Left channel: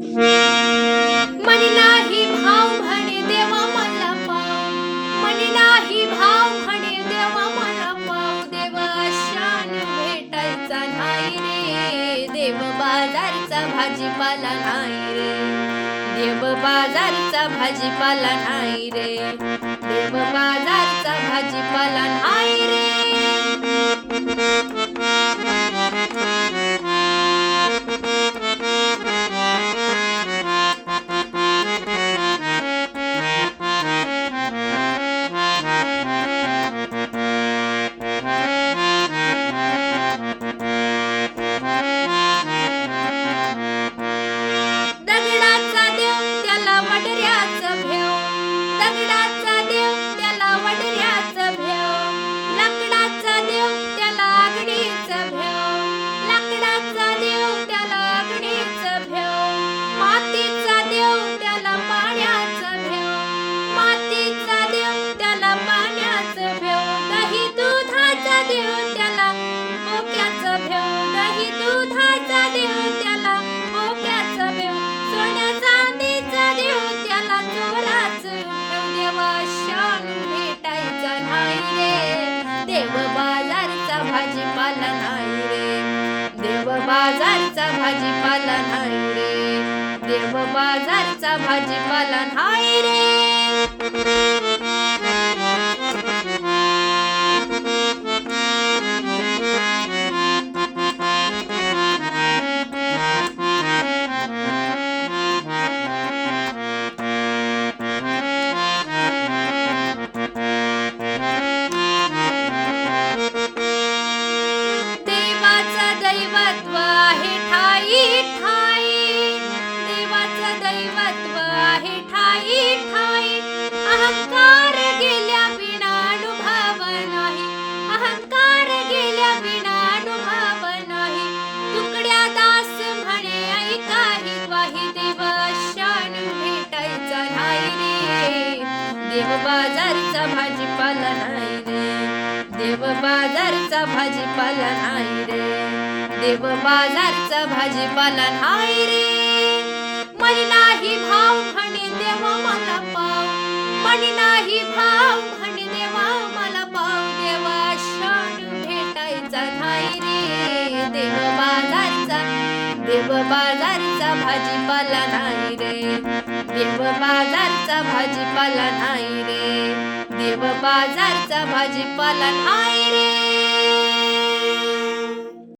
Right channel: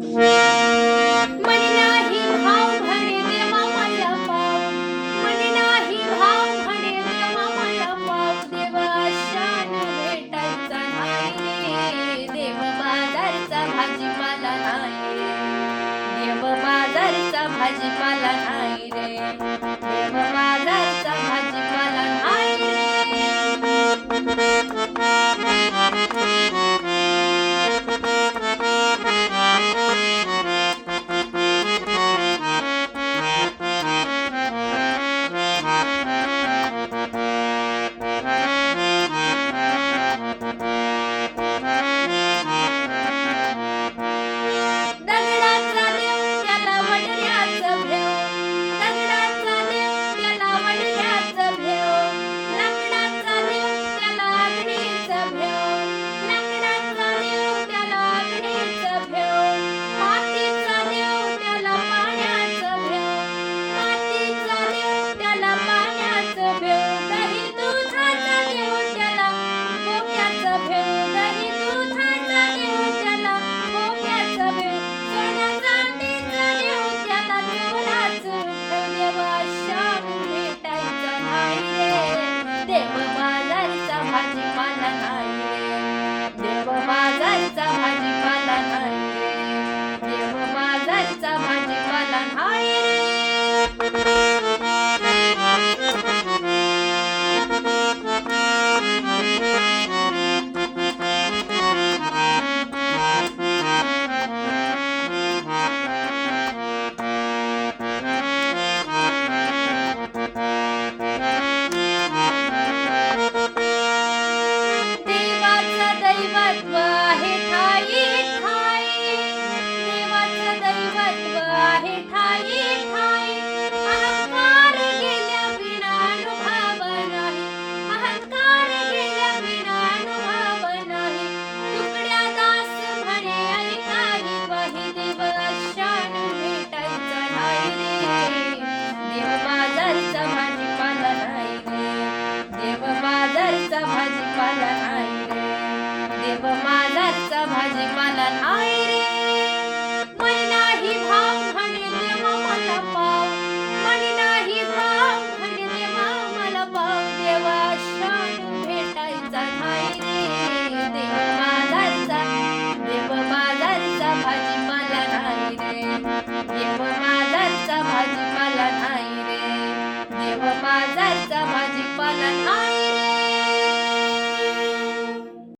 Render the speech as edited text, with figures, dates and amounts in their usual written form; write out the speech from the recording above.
मनी नाही भाव म्हणे देवा मला पाव, मनी नाही भाव म्हणे देवा मला पाव, देवा शान भेटायचा नाही रे, देव बाजारचा भाजीपाला नाही रे, देव बाजारचा भाजीपाला नाही रे, देव बाजारचा भाजीपाला नाही रे. दगडाचा देव त्याला वडऱ्याचं भेव, दगडाचा देव त्याला वडऱ्याचं भेव, लाकडाचा देव त्याला अग्नीचं भेव, लाकडाचा देव त्याला अग्नीचं भेव, मातीचा देव त्याला पाण्याचं भेव, मातीचा देव त्याला पाण्याचं भेव, दही दुधाचा देव त्याला मोक्याचं भेव, दही दुधाचा देव त्याला मोक्याचं भेव, सोन्या चांदीचा देव त्याला चोराचं भेव, देवा शान भेटायचा नाही रे, देव बाजारचा भाजीपाला नाही रे, देव बाजारचा भाजीपाला नाही रे, देव बाजारचा भाजीपाला नाही रे. देवाचं दैवत्व आहे ठाई ठाई, देवाचं दैवत्व आहे ठाई ठाई, अहंकार गेल्या विना अनुभव नाही, अहंकार गेल्या विना अनुभव नाही, तुकड्या दास म्हणे ऐकाही वाही, देव शान भेटायचा नाही रे, देव बाजारचा भाजीपाला नाही रे, देव बाजारचा भाजीपाला नाही रे, देव बाजारचा भाजीपाला नाही रे.